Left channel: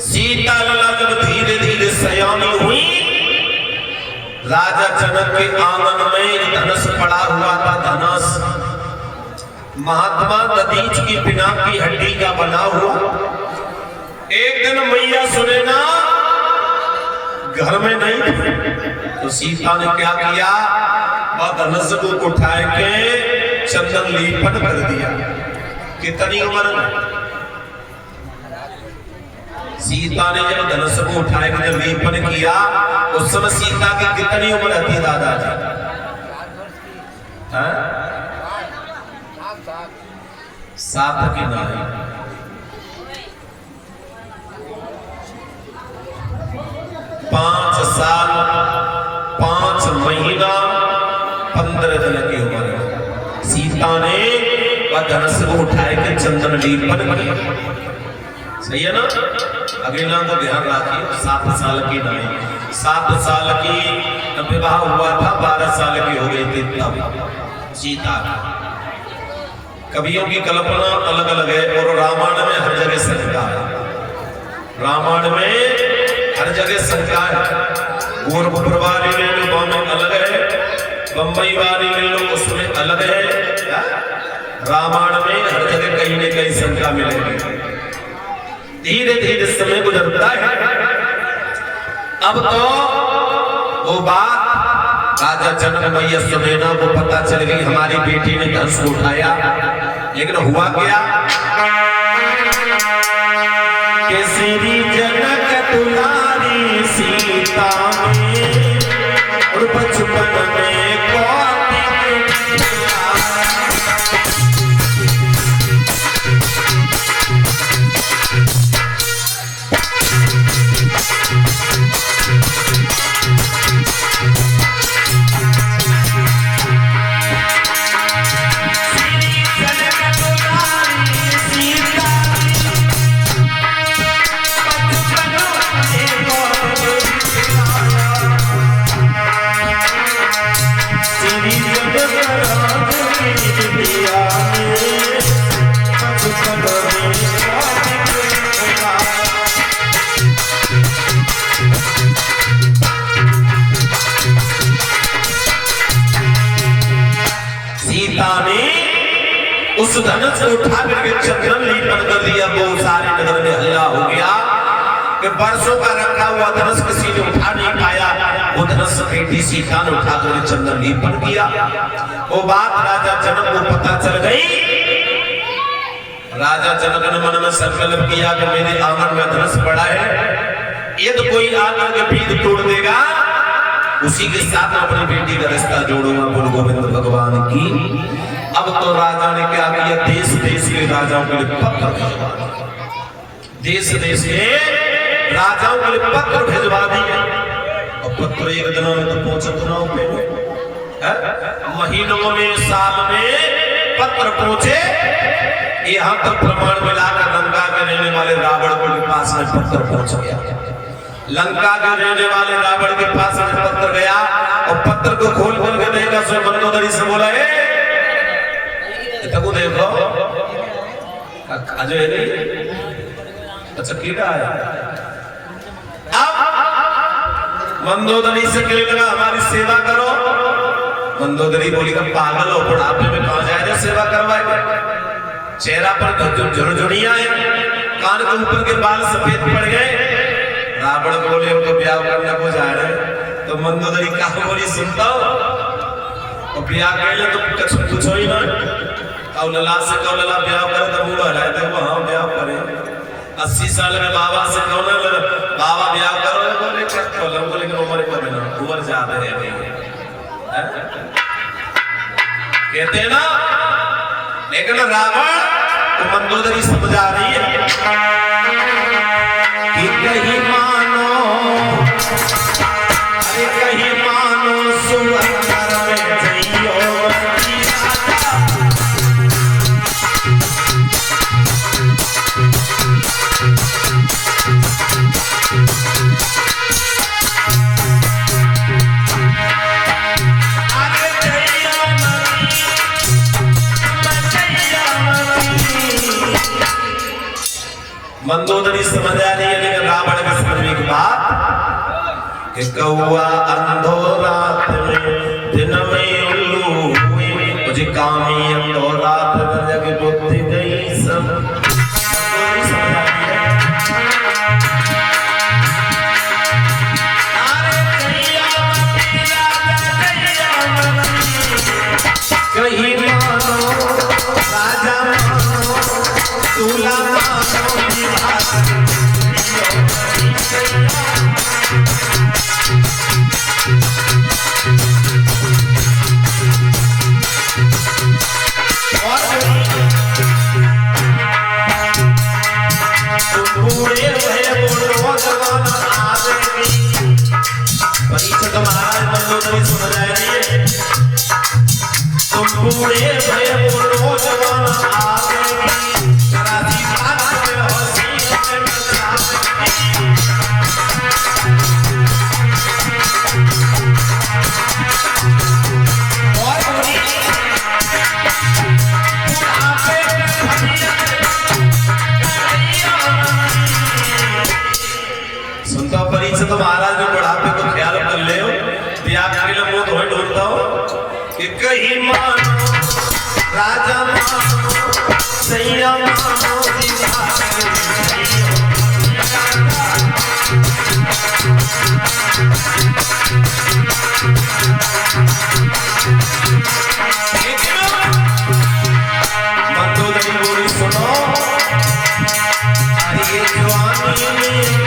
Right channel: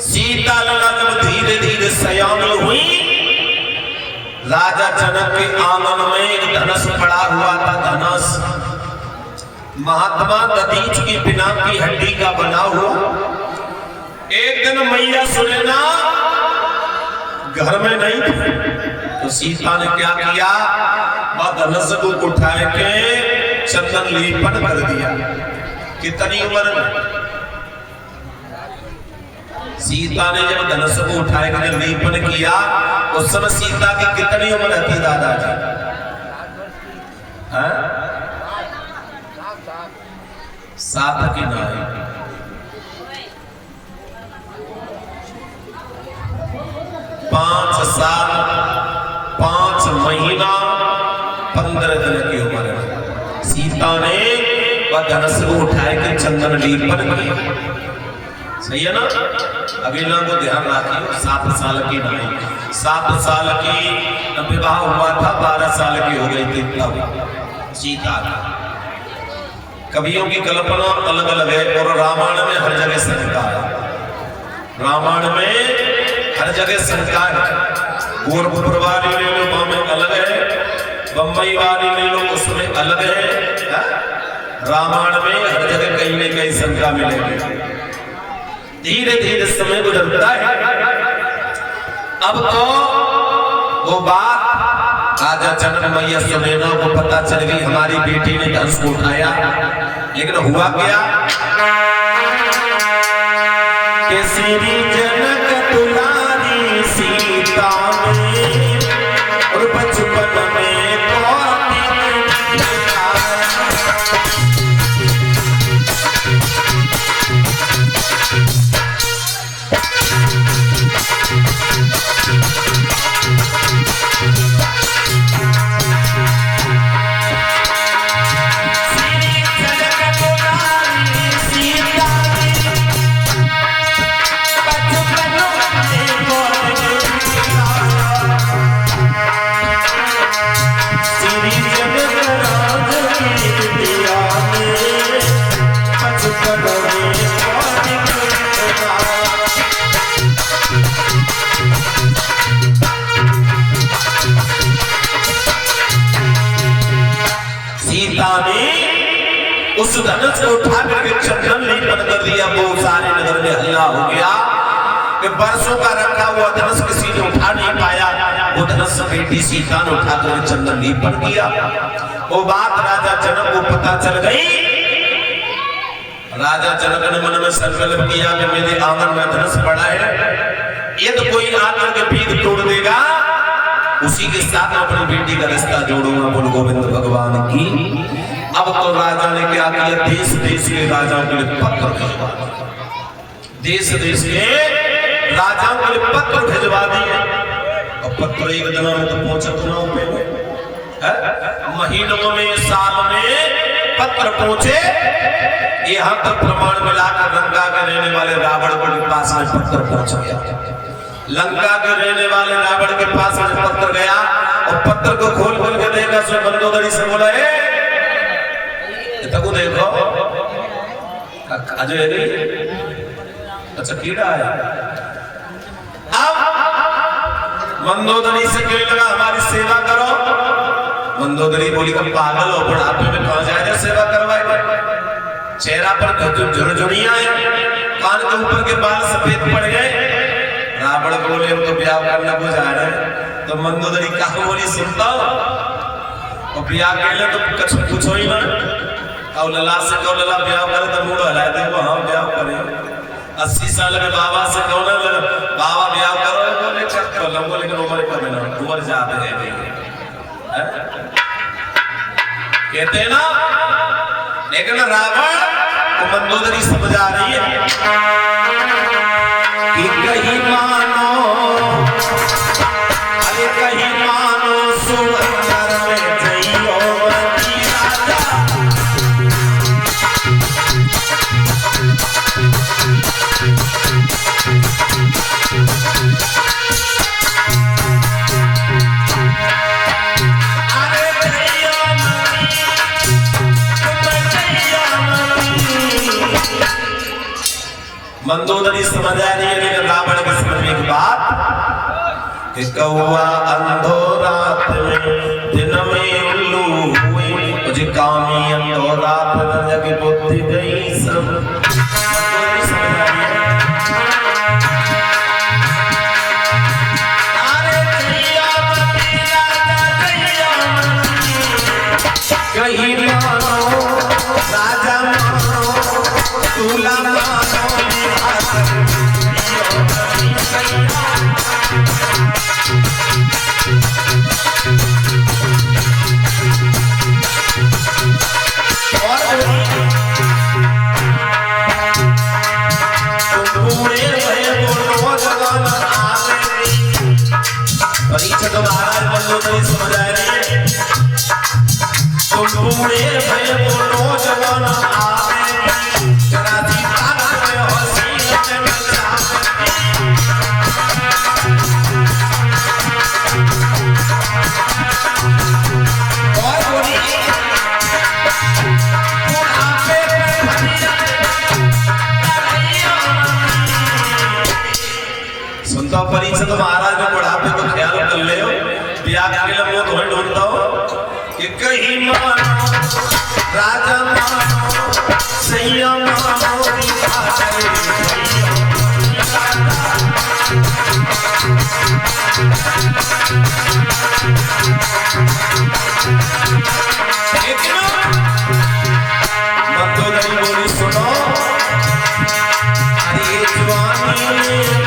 सीता लला जब धीरे धीरे सयानी हुई, राजा जनक के आंगन में धनुष पड़ा हुआ था। धनुष महात्मा दधीच की बिना की हड्डी का बना हुआ। एक दिन मैया सुनैना घर में नहीं थी, तो सीता ने क्या किया, धनुष को उठा के चंदन लेपन कर दिया। कितनी उम्र में सीता ने जब धनुष को उठाए के जब लेपन किया, उस समय सीता की कितनी उम्र थी दादाजी? 7 की नहीं, 5 साल 5 महीना 15 दिन की उम्र में सीता ने वह धनुष को उठाए के चंदन लेपन किया। सही है ना? अगला को ध्यान रखिए, 7 साल की नहीं, 7 साल की विवाह हुआ था, 12 साल की हो गई थी तब सीता। कवियों की कल्पना अलग अलग है और रामायण में हर जगह शंका है। रामायण में हर जगह शंका है। गोरखपुर वाली ले लो, गाँव में अलग है, बम्बई वाली ले लो, उसमें अलग है। रामायण में हर जगह कहीं न कहीं शंका मिलेगी। धीरे धीरे समय गुजरता है। अब तो वो बात राजा जनक मैया सुनैना को पता चल गई, हमारी बेटी ने धनुष को उठाया। लेकिन हुआ क्या कि श्री जनक दुलारी सीता में और बचपन में उस धनुष को उठा करके चंदन लेपन कर दिया। वो सारे नगर में हल्ला हो गया कि बरसों का रखा हुआ धनुष किसी ने उठा नहीं पाया। वो धनुष बेटी सीता ने उठा करके चंदन लेपन किया। वो बात राजा जनक को पता चल गई। राजा जनक ने मन में संकल्प किया कि मेरे आंगन में धनुष पड़ा है, यदि कोई आकर के भीड़ तोड़ देगा, उसी के साथ अपनी बेटी का रिश्ता जोड़ूंगा। बोल गोविंद भगवान की। अब तो राजा ने क्या किया, देश देश के राजाओं के लिए पत्र भिजवा दिया। देश देश के राजाओं के लिए पत्र भिजवा दिए। और पत्र एक दिनों में तो पहुंचत ना हो, महीनों में, साल में पत्र पहुंचे। यहाँ तक प्रमाण मिलाकर लंका में रहने वाले रावण के पास में पत्र पहुंच गया। लंका के रहने वाले रावण के पास में पत्र गया और पत्र को खोल खोल के देखा। सो मंदोदरी से बोला, तक देखो अजय नहीं, अच्छा कीड़ा है। अब मंदोदरी से कहने लगा, हमारी सेवा करो। मंदोदरी बोली, का पागल हो, बुढ़ापे में कहां जाएगा सेवा करवाएगा? चेहरा पर झुरझुरियां हैं, कान के ऊपर के बाल सफेद पड़ गए। रावण बोले, हम तो ब्याह करने को जा रहे हैं। तो मंदोदरी कहा बोली, सुनता हो, और ब्याह कर ले तो कुछ हो ही ना। और लला से कहो, लला ब्याह करे तो मुंह हलाए देखो, हम ब्याह करें। 80 साल के बाबा से कहो ना, बाबा ब्याह करो, बोले क्या करो, लेकिन उम्र कम ना, उम्र ज्यादा है कहते ना। लेकिन रावण तो मंदोदरी समझा रही है कि कहीं मानो, अरे कहीं मानो सुअर में जइयो मंदोदरी समझ आ रही है, लेकिन कि कौआ अंधो रात में दिन में उल्लू हुई मुझे कामी अंधो रात में जग बुद्धि गई सब कहीं मानो राजा मानो दूल्हा मानो परीक्षा तो महाराज बंदो नहीं समझ आए नहीं तुम बूढ़े भय बोलो जवान आगे राजी पागल में हंसी में और बोली सुनता परीक्षा तो महाराज ने बुढ़ापे को ख्याल कर ले त्याग के लिए वो धोई ढूंढता हो कि कहीं मानो राजा मानो सैया मानो बंदो नहीं बोली सुनो अरे जवानी में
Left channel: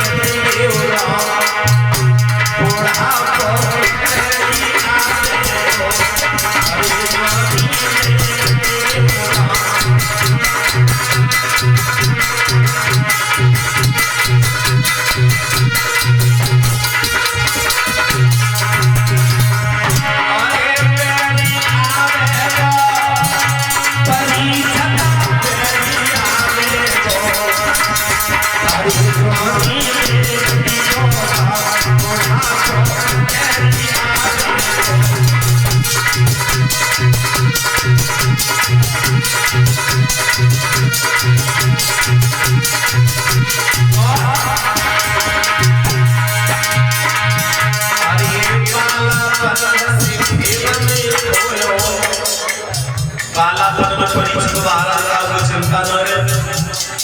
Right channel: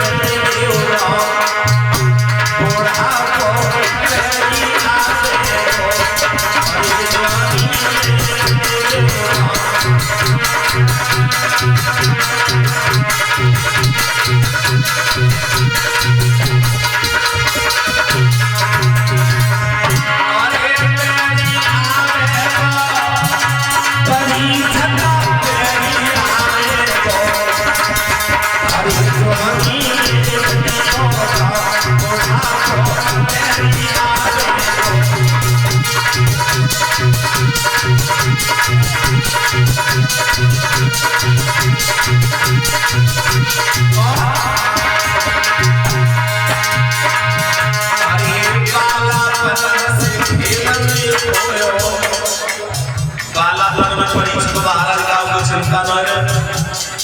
चिंता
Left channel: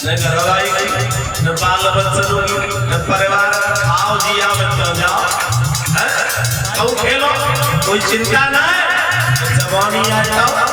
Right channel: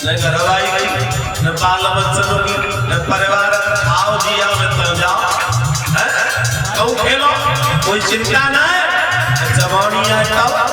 न घरवाई न बाल बच्चों की न परिवार आओ जी आओ तो जाओ कहूँ खेलो कोई चिंता न है जवानी आ जाओ